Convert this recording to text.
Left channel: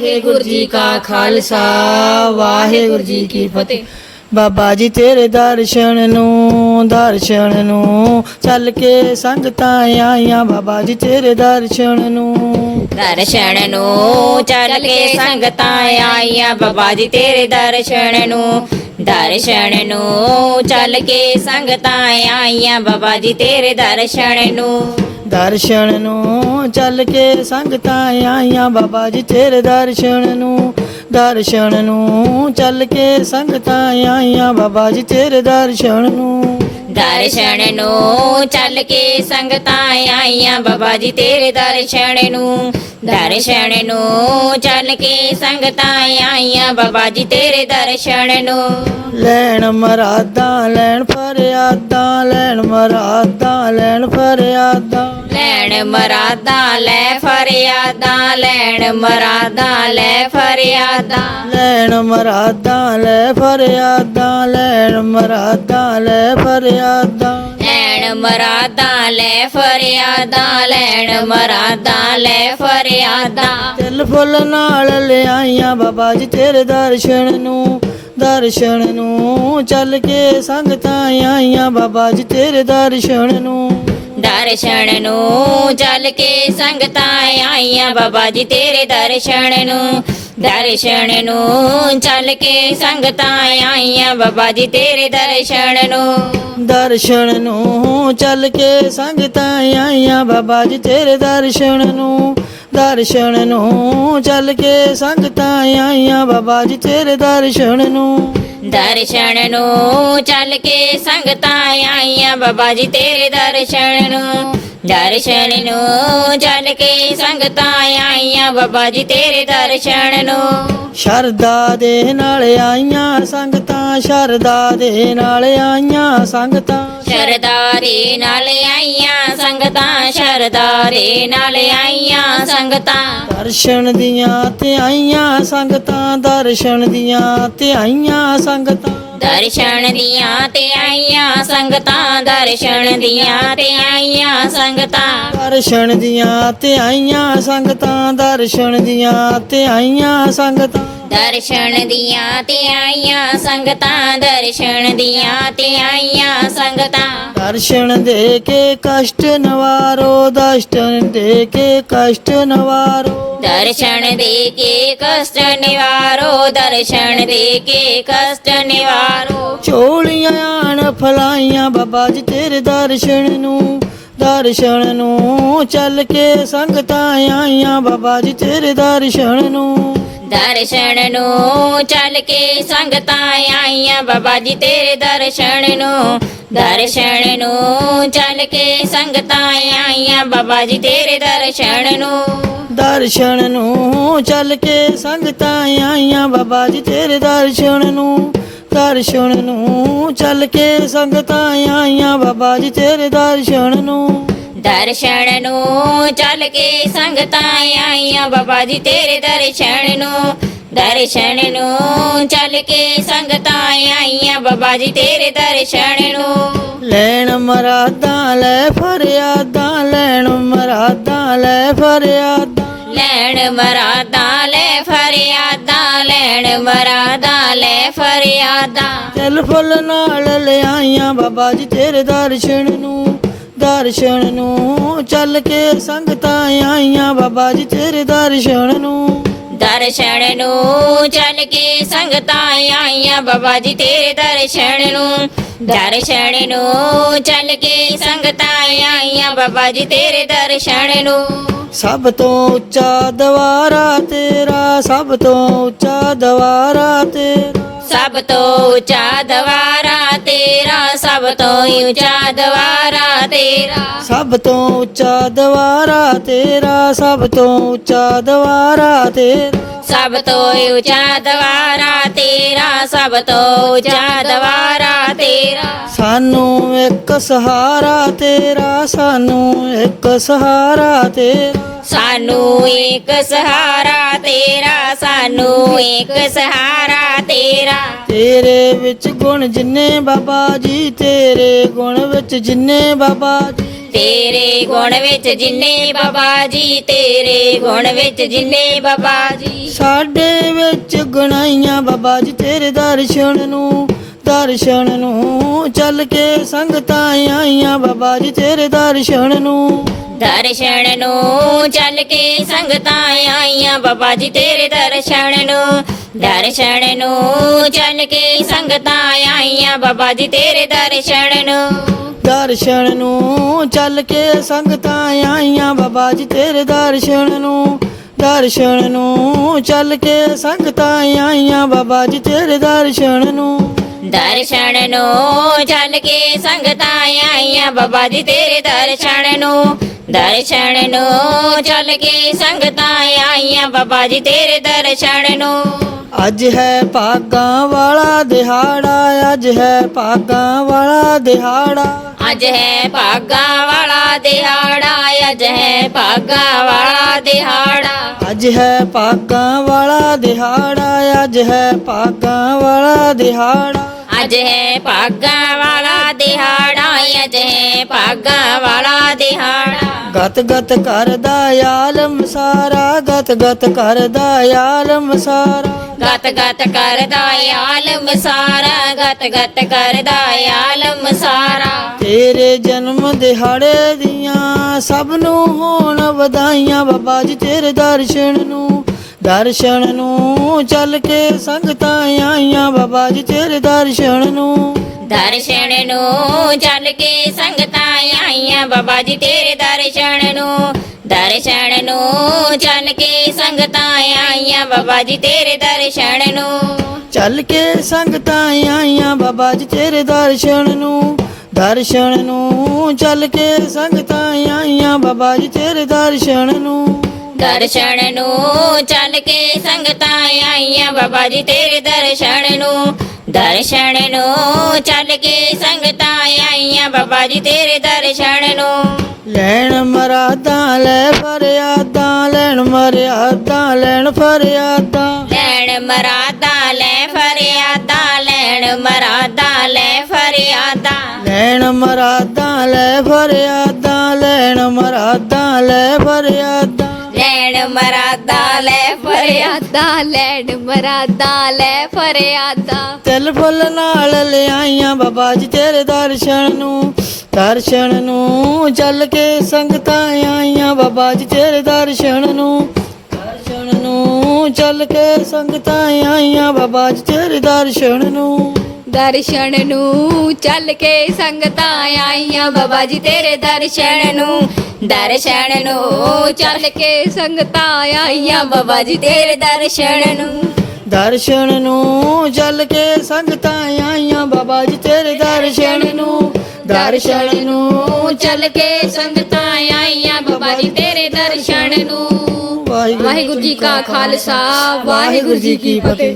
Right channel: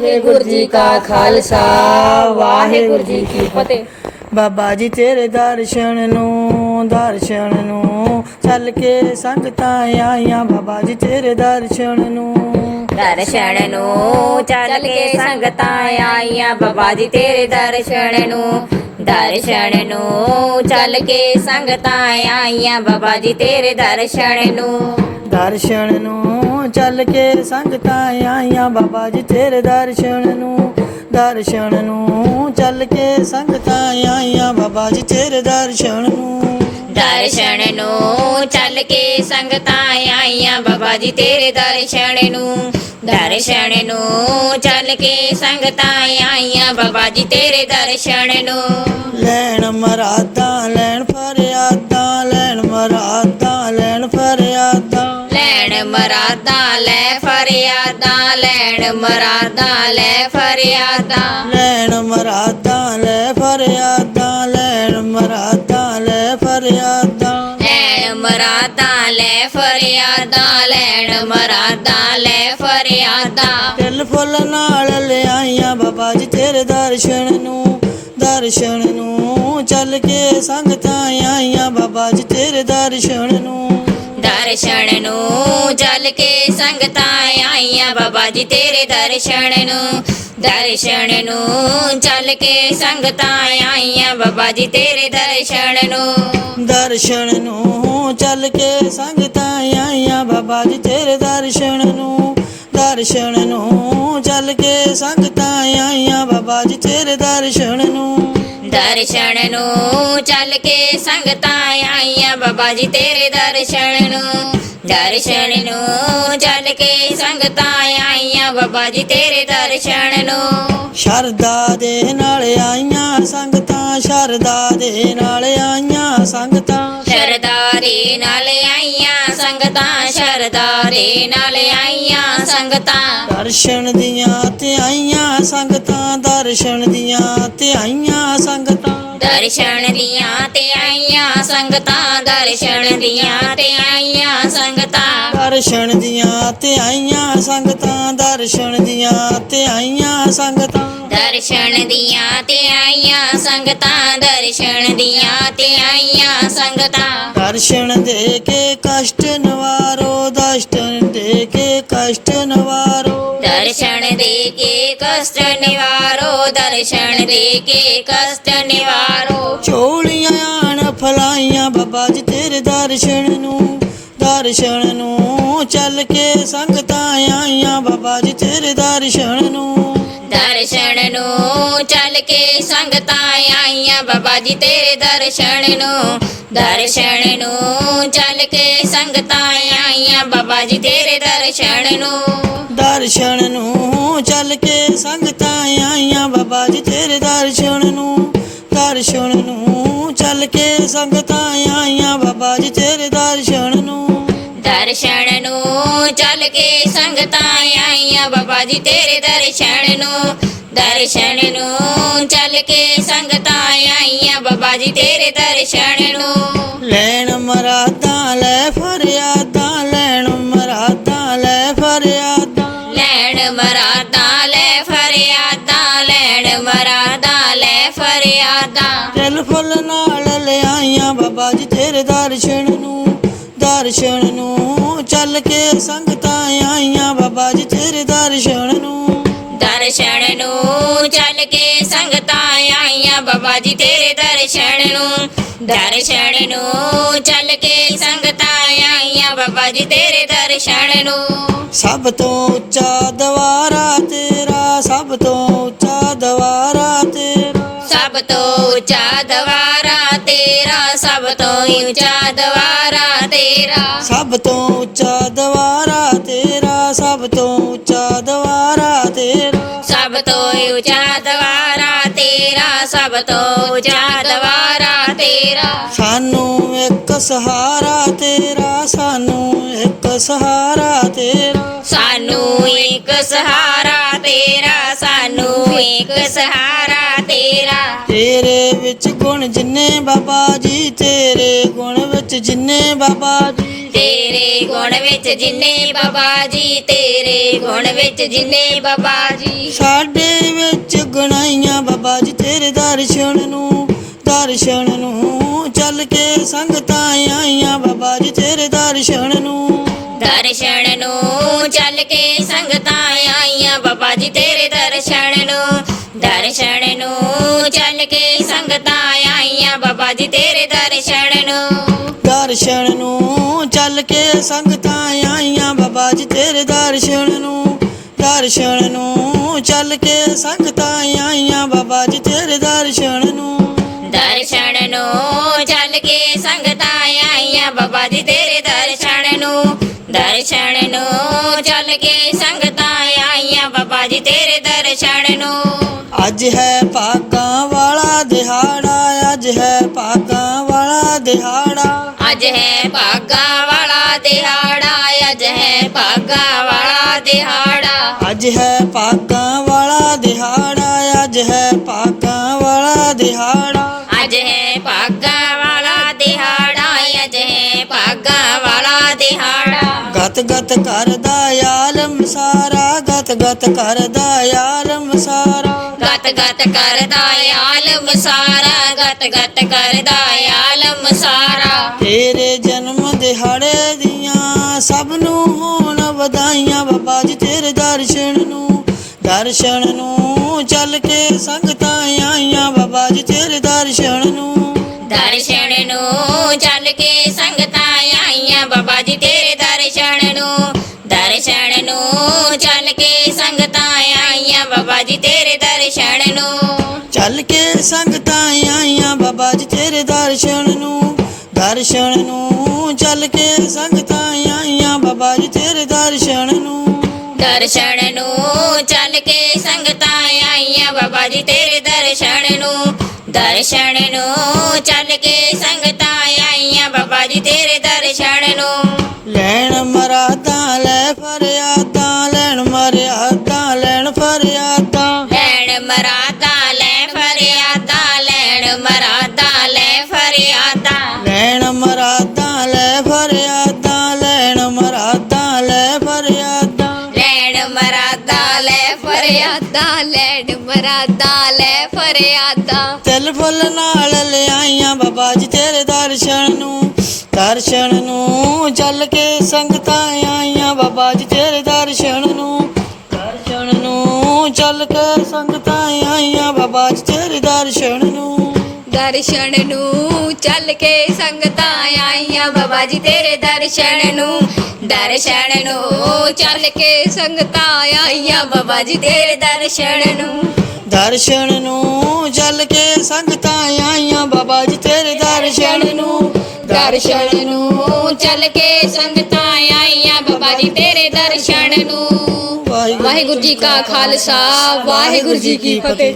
ਵਾਹਿਗੁਰੂ ਜੀ ਕਾ ਖਾਲਸਾ ਵਾਹਿਗੁਰੂ ਜੀ ਕੀ ਫਤਿਹ। ਬਾਬਾ ਜੀ ਤੇਰੇ ਦਰਸ਼ਨ ਨੂੰ ਦਰਸ਼ਨ ਨੂੰ ਚੱਲ ਕੇ ਸੰਗਤਾਂ ਆਈਆਂ। ਬਾਬਾ ਜੀ ਤੇਰੇ ਦਰਸ਼ਨ ਨੂੰ। ਦਰਸ਼ਨ ਨੂੰ ਚੱਲ ਕੇ ਸੰਗਤਾਂ ਆਈਆਂ। ਬਾਬਾ ਜੀ ਤੇਰੇ ਦਰਸ਼ਨ ਨੂੰ ਦਰਸ਼ਨ ਨੂੰ ਚੱਲ ਕੇ ਸੰਗਤਾਂ ਆਈਆਂ। ਬਾਬਾ ਜੀ ਤੇਰੇ ਦਰਸ਼ਨ ਨੂੰ। ਦਰਸ਼ਨ ਨੂੰ ਚੱਲ ਕੇ ਸੰਗਤਾਂ ਆਈਆਂ ਬਾਬਾ ਜੀ ਤੇਰੇ ਦਰਸ਼ਨ ਨੂੰ। ਦਰਸ਼ਨ ਨੂੰ ਚੱਲ ਕੇ ਸੰਗਤਾਂ ਆਈਆਂ ਬਾਬਾ ਜੀ ਤੇਰੇ ਦਰਸ਼ਨ ਨੂੰ। ਦਰਸ਼ਨ ਨੂੰ ਚੱਲ ਕੇ ਸੰਗਤਾਂ ਆਈਆਂ ਬਾਬਾ ਜੀ ਤੇਰੇ ਦਰਸ਼ਨ ਨੂੰ। ਦਰਸ਼ਨ ਨੂੰ ਚੱਲ ਕੇ ਸੰਗਤਾਂ ਆਈਆਂ ਬਾਬਾ ਜੀ ਤੇਰੇ ਦਰਸ਼ਨ ਨੂੰ। ਲੈਣ ਮਰਾਦਾਂ ਫਰਿਆਦਾਂ। ਲੈਣ ਮਰਾਦਾਂ ਲੈ ਫਰਿਆਦਾਂ ਲੈਣ ਮਰਾਦਾਂ ਲੈ ਫਰਿਆਦਾਂ। ਲੈਣ ਮਰਾਦਾਂ ਲੈ ਫਰਿਆਦਾਂ ਲੈਣ ਮਰਾਦਾਂ ਲੈ ਫਰਿਆਦਾਂ। ਤਿਲ ਫੁੱਲ ਨਾਲ ਲਿਆਈਆਂ ਬਾਬਾ ਜੀ ਤੇਰੇ ਦਰਸ਼ਨ ਨੂੰ ਦਰਸ਼ਨ ਨੂੰ। ਚੱਲ ਕੇ ਸੰਗਤਾਂ ਆਈਆਂ ਬਾਬਾ ਜੀ ਤੇਰੇ ਦਰਸ਼ਨ ਨੂੰ। ਦਰਸ਼ਨ ਨੂੰ ਚੱਲ ਕੇ ਸੰਗਤਾਂ ਆਈਆਂ ਬਾਬਾ ਜੀ ਤੇਰੇ ਦਰਸ਼ਨ ਨੂੰ। ਦਰਸ਼ਨ ਨੂੰ ਚੱਲ ਕੇ ਸੰਗਤਾਂ ਆਈਆਂ ਬਾਬਾ ਜੀ ਤੇਰੇ ਦਰਸ਼ਨ ਨੂੰ। ਦਰਸ਼ਨ ਨੂੰ ਚੱਲ ਕੇ ਸੰਗਤਾਂ ਆਈਆਂ ਬਾਬਾ ਜੀ ਤੇਰੇ ਦਰਸ਼ਨ ਨੂੰ। ਦਰਸ਼ਨ ਨੂੰ ਚੱਲ ਕੇ ਸੰਗਤਾਂ ਆਈਆਂ ਬਾਬਾ ਜੀ ਤੇਰੇ ਦਰਸ਼ਨ ਨੂੰ। ਦਰਸ਼ਨ ਨੂੰ ਚੱਲ ਕੇ ਸੰਗਤਾਂ ਆਈਆਂ ਬਾਬਾ ਜੀ ਤੇਰੇ ਦਰਸ਼ਨ ਨੂੰ। ਦਰਸ਼ਨ ਨੂੰ ਚੱਲ ਕੇ ਸੰਗਤਾਂ ਆਈਆਂ ਬਾਬਾ ਜੀ ਤੇਰੇ ਦਰਸ਼ਨ ਨੂੰ। ਸ਼ਰਦਾ ਦੇ ਨਾਲ ਆਈਆਂ ਸੰਗਤਾਂ ਸ਼ਰਦਾ ਦੇ ਨਾਲ ਆਈਆਂ ਸੰਗਤਾਂ। ਸ਼ਰਦਾਰੇ ਨਾਲ ਆਈਆਂ ਸੰਗਤਾਂ ਸ਼ਰਦਾਰੇ ਨਾਲ ਆਈਆਂ ਸੰਗਤਾਂ। ਦਰਸ਼ਨ ਦੀਆਂ ਤੇ ਆਈਆਂ ਸੰਗਤਾਂ ਦਰਸ਼ਨ ਦੀਆਂ ਤੇ ਆਈਆਂ ਸੰਗਤਾਂ। ਦਰਸ਼ਨ ਦੀਆਂ ਸੰਗਤਾਂ ਦਰਸ਼ਨ ਦੀਆਂ ਤੇ ਆਈਆਂ ਸੰਗਤਾਂ। ਦਰਸ਼ਨ ਦੀਆਂ ਤੇ ਆਈਆਂ ਸੰਗਤਾਂ ਦਰਸ਼ਨ ਦੀਆਂ ਤੇ ਆਈਆਂ ਸੰਗਤਾਂ। ਦਰਸ਼ਨ ਦੀਆਂ ਤੇ ਆਈਆਂ ਸੰਗਤਾਂ ਦਰਸ਼ਨ ਦੀਆਂ ਤੇ ਆਈਆਂ ਸੰਗਤਾਂ। ਦਰਸ਼ਨ ਦੇ ਕੇ ਕਸ਼ਟ ਨਵਾਰੋ ਦਰਸ਼ਨ ਦੇ ਕੇ ਕਸ਼ਟ ਨਵਾਰੋ। ਦਰਸ਼ਨ ਦੇ ਕੇ ਕਸ਼ਟ ਨਿਵਾਰੋ ਦਰਸ਼ਨ ਦੇ ਕੇ ਕਸ਼ਟ ਨਿਵਾਰੋ। ਫਲਾਈਆਂ ਬਾਬਾ ਜੀ ਤੇਰੇ ਦਰਸ਼ਨ ਨੂੰ ਦਰਸ਼ਨ ਨੂੰ ਚੱਲ ਕੇ ਸੰਗਤਾਂ ਆਈਆਂ ਬਾਬਾ ਜੀ ਤੇਰੇ ਦਰਸ਼ਨ ਨੂੰ। ਦਰਸ਼ਨ ਨੂੰ ਚੱਲ ਕੇ ਸੰਗਤਾਂ ਆਈਆਂ ਬਾਬਾ ਜੀ ਤੇਰੇ ਦਰਸ਼ਨ ਨੂੰ ਦਰਸ਼ਨ ਨੂੰ ਚੱਲ ਕੇ ਸੰਗਤਾਂ ਆਈਆਂ ਬਾਬਾ ਜੀ ਤੇਰੇ ਦਰਸ਼ਨ ਨੂੰ। ਦਰਸ਼ਨ ਨੂੰ ਚੱਲ ਕੇ ਸੰਗਤਾਂ ਆਈਆਂ ਬਾਬਾ ਜੀ ਤੇਰੇ ਦਰਸ਼ਨ ਨੂੰ ਦਰਸ਼ਨ ਨੂੰ ਚੱਲ ਕੇ ਸੰਗਤਾਂ ਆਈਆਂ ਬਾਬਾ ਜੀ ਤੇਰੇ ਦਰਸ਼ਨ ਨੂੰ। ਦਰਸ਼ਨ ਨੂੰ ਚੱਲ ਕੇ ਸੰਗਤਾਂ ਆਈਆਂ ਬਾਬਾ ਜੀ ਤੇਰੇ ਦਰਸ਼ਨ ਨੂੰ। ਦਰਸ਼ਨ ਨੂੰ ਚੱਲ ਕੇ ਸੰਗਤਾਂ ਆਈਆਂ ਬਾਬਾ ਜੀ ਤੇਰੇ ਦਰਸ਼ਨ ਨੂੰ। ਲੈਣ ਮਰਾਦਾਂ ਲੈ ਫਰਿਆਦਾਂ ਤੇਰੇ ਦਰਸ਼ਨ ਨੂੰ ਦਰਸ਼ਨ ਨੂੰ ਚੱਲ ਕੇ ਸੰਗਤਾਂ ਆਈਆਂ ਬਾਬਾ ਜੀ ਤੇਰੇ ਦਰਸ਼ਨ ਨੂੰ। ਦਰਸ਼ਨ ਨੂੰ ਚੱਲ ਕੇ ਸੰਗਤਾਂ ਆਈਆਂ ਬਾਬਾ ਜੀ ਤੇਰੇ ਦਰਸ਼ਨ ਨੂੰ। ਦਰਸ਼ਨ ਨੂੰ ਚੱਲ ਕੇ ਸੰਗਤਾਂ ਆਈਆਂ ਬਾਬਾ ਜੀ ਤੇਰੇ ਦਰਸ਼ਨ ਨੂੰ। ਸਭ ਤੋਂ ਉੱਚਾ ਦਵਾਰਾ ਤੇਰਾ ਸਭ ਤੋਂ ਉੱਚਾ ਦਵਾਰਾ ਤੇਰਾ। ਸਭ ਤੋਂ ਉੱਚਾ ਉੱਚਾ ਦਵਾਰਾ ਤੇਰਾ। ਸਭ ਤੋਂ ਉੱਚਾ ਦਵਾਰਾ ਤੇਰਾ ਸਭ ਤੋਂ ਉੱਚਾ ਦਵਾਰਾ ਤੇਰਾ। ਸਭ ਤੋਂ ਉੱਚਾ ਦਵਾਰਾ ਤੇਰਾ ਸਭ ਤੋਂ ਉੱਚਾ ਦਵਾਰਾ ਤੇਰਾ। ਸਾਨੂੰ ਇੱਕ ਸਹਾਰਾ ਤੇਰਾ ਸਾਨੂੰ ਇੱਕ ਸਹਾਰਾ ਤੇਰਾ। ਸਾਨੂੰ ਇੱਕ ਸਹਾਰਾ ਤੇਰਾ ਸਾਨੂੰ ਇੱਕ ਸਹਾਰਾ ਤੇਰੇ ਵਿੱਚ ਗੁਣ ਜਿੰਨੇ ਬਾਬਾ ਜੀ ਤੇਰੇ ਗੁਣ ਵਿੱਚ ਜਿੰਨੇ ਬਾਬਾ ਜੀ। ਤੇਰੇ ਗੁਣ ਵਿੱਚ ਜਿੰਨੇ ਬਾਬਾ ਜੀ ਤੇਰੇ ਗੁਣ ਵਿੱਚ ਜਿੰਨੇ ਬਾਬਾ ਜੀ। ਸਾਡੇ ਵਿੱਚ ਗੁਣਾਈਆਂ ਬਾਬਾ ਜੀ ਤੇਰੇ ਦਰਸ਼ਨ ਨੂੰ ਦਰਸ਼ਨ ਨੂੰ ਚੱਲ ਕੇ ਸੰਗਤਾਂ ਆਈਆਂ ਬਾਬਾ ਜੀ ਤੇਰੇ ਦਰਸ਼ਨ ਨੂੰ। ਦਰਸ਼ਨ ਨੂੰ ਚੱਲ ਕੇ ਸੰਗਤਾਂ ਆਈਆਂ ਬਾਬਾ ਜੀ ਤੇਰੇ ਦਰਸ਼ਨ ਨੂੰ ਦਰਸ਼ਨ ਨੂੰ ਚੱਲ ਕੇ ਆਈਆਂ ਬਾਬਾ ਜੀ ਤੇਰੇ ਦਰਸ਼ਨ ਨੂੰ। ਦਰਸ਼ਨ ਨੂੰ ਚੱਲ ਕੇ ਸੰਗਤਾਂ ਆਈਆਂ ਬਾਬਾ ਜੀ ਤੇਰੇ ਦਰਸ਼ਨ ਨੂੰ। ਦਰਸ਼ਨ ਨੂੰ ਚੱਲ ਕੇ ਸੰਗਤਾਂ ਆਈਆਂ ਬਾਬਾ ਜੀ ਤੇਰੇ ਦਰਸ਼ਨ ਨੂੰ। ਦਰਸ਼ਨ ਨੂੰ ਚੱਲ ਕੇ ਸੰਗਤਾਂ ਆਈਆਂ ਬਾਬਾ ਜੀ ਤੇਰੇ ਦਰਸ਼ਨ ਨੂੰ। ਦਰਸ਼ਨ ਨੂੰ ਚੱਲ ਕੇ ਸੰਗਤਾਂ ਆਈਆਂ ਬਾਬਾ ਜੀ ਤੇਰੇ ਦਰਸ਼ਨ ਨੂੰ। ਅੱਜ ਹੈ ਭਾਗਾਂ ਵਾਲਾ ਦਿਹਾੜਾ। ਅੱਜ ਹੈ ਭਾਗਾਂ ਵਾਲਾ ਦਿਹਾੜਾ। ਅੱਜ ਹੈ ਭਾਗਾ ਵਾਲਾ ਦਿਹਾੜਾ ਅੱਜ ਹੈ ਭਾਗਾ ਵਾਲਾ ਦਿਹਾੜਾ। ਅੱਜ ਹੈ ਭਾਗਾਂ ਵਾਲਾ ਦਿਹਾੜਾ ਅੱਜ ਹੈ ਭਾਗਾਂ ਵਾਲਾ ਦਿਹਾੜਾ। ਅੱਜ ਹੈ ਭਾਗਾ ਵਾਲਾ ਦਿਹਾੜਾ ਅੱਜ ਹੈ ਭਾਗਾ ਵਾਲਾ ਦਿਹਾੜਾ। ਗਤ ਗਤ ਕਰਦਾ ਆਲਮ ਸਾਰਾ ਗਤ ਗਤ ਕਰਦਾ ਆਲਮ ਸਾਰਾ। ਗਤ ਗਤ ਕਰਦਾ ਆਲਮ ਸਾਰਾ ਗਤ ਗਤ ਕਰਦਾ ਆਲਮ ਸਾਰਾ। ਤੇਰੇ ਜਨਮ ਦਿਹਾੜੇ ਦੀਆਂ ਸਭ ਨੂੰ ਹੋਣ ਵਧਾਈਆਂ ਬਾਬਾ ਜੀ ਤੇਰੇ ਦਰਸ਼ਨ ਨੂੰ ਦਰਸ਼ਨ ਨੂੰ ਚੱਲ ਕੇ ਸੰਗਤਾਂ ਆਈਆਂ ਬਾਬਾ ਜੀ ਤੇਰੇ ਦਰਸ਼ਨ ਨੂੰ। ਦਰਸ਼ਨ ਨੂੰ ਚੱਲ ਕੇ ਸੰਗਤਾਂ ਆਈਆਂ ਬਾਬਾ ਜੀ ਤੇਰੇ ਦਰਸ਼ਨ ਨੂੰ ਦਰਸ਼ਨ ਨੂੰ ਚੱਲ ਕੇ ਬਾਬਾ ਜੀ ਤੇਰੇ ਦਰਸ਼ਨ ਨੂੰ। ਚੱਲ ਕੇ ਸੰਗਤਾਂ ਆਈਆਂ ਬਾਬਾ ਜੀ ਤੇਰੇ ਦਰਸ਼ਨ ਨੂੰ ਦਰਸ਼ਨ ਨੂੰ। ਚੱਲ ਕੇ ਸੰਗਤਾਂ ਆਈਆਂ ਬਾਬਾ ਜੀ ਤੇਰੇ ਦਰਸ਼ਨ ਨੂੰ। ਦਰਸ਼ਨ ਨੂੰ ਚੱਲ ਕੇ ਸੰਗਤਾਂ ਆਈਆਂ ਬਾਬਾ ਜੀ ਤੇਰੇ ਦਰਸ਼ਨ ਨੂੰ। ਦਰਸ਼ਨ ਨੂੰ ਚੱਲ ਕੇ ਸੰਗਤਾਂ ਆਈਆਂ ਬਾਬਾ ਜੀ ਤੇਰੇ ਦਰਸ਼ਨ ਨੂੰ। ਲੈਣ ਮਰਾਦਾਂ ਲੈ ਫਰਿਆਦਾਂ ਲੈਣ ਮਰਿਆਦਾਂ। ਫਰਿਆਦਾਂ। ਲੈਣ ਮਰਾਦਾ ਲੈ ਫਰਿਆਦਾ ਲੈਣ ਮਰਾਦਾ ਲੈ ਫਰਿਆਦਾ। ਲੈਣ ਮਰਾਦਾਂ ਲੈ ਫਰਿਆਦਾਂ ਲੈਣ ਮਰਾਦਾਂ ਲੈ ਫਰਿਆਦਾਂ। ਲੈਣ ਮਰਾਦਾ ਲੈ ਫਰਿਆਦਾ ਲੈਣ ਮਰਾਦਾ ਲੈ ਫਰਿਆਦਾ। ਤਿਲ ਫੁੱਲ ਨਾਲ ਲਿਆਈਆਂ ਬਾਬਾ ਜੀ ਤੇਰੇ ਦਰਸ਼ਨ ਨੂੰ। ਦਰਸ਼ਨ ਨੂੰ ਚੱਲ ਕੇ ਸੰਗਤਾਂ ਆਈਆਂ ਬਾਬਾ ਜੀ ਤੇਰੇ ਦਰਸ਼ਨ ਨੂੰ। ਦਰਸ਼ਨ ਨੂੰ। ਦਰਸ਼ਨ ਨੂੰ ਚੱਲ ਕੇ ਸੰਗਤਾਂ ਆਈਆਂ ਬਾਬਾ ਜੀ ਤੇਰੇ ਦਰਸ਼ਨ ਨੂੰ। ਦਰਸ਼ਨ ਨੂੰ ਚੱਲ ਕੇ ਸੰਗਤਾਂ ਆਈਆਂ ਬਾਬਾ ਜੀ ਤੇਰੇ ਦਰਸ਼ਨ ਨੂੰ। ਦਰਸ਼ਨ ਨੂੰ ਚੱਲ ਕੇ ਸੰਗਤਾਂ ਆਈਆਂ ਬਾਬਾ ਜੀ ਤੇਰੇ ਦਰਸ਼ਨ ਨੂੰ। ਦਰਸ਼ਨ ਨੂੰ ਚੱਲ ਕੇ ਸੰਗਤਾਂ ਆਈਆਂ ਬਾਬਾ ਜੀ ਤੇਰੇ ਦਰਸ਼ਨ ਨੂੰ। ਵਾਹਿਗੁਰੂ ਜੀ ਕਾ ਖਾਲਸਾ ਵਾਹਿਗੁਰੂ ਜੀ ਕੀ ਫਤਿਹ।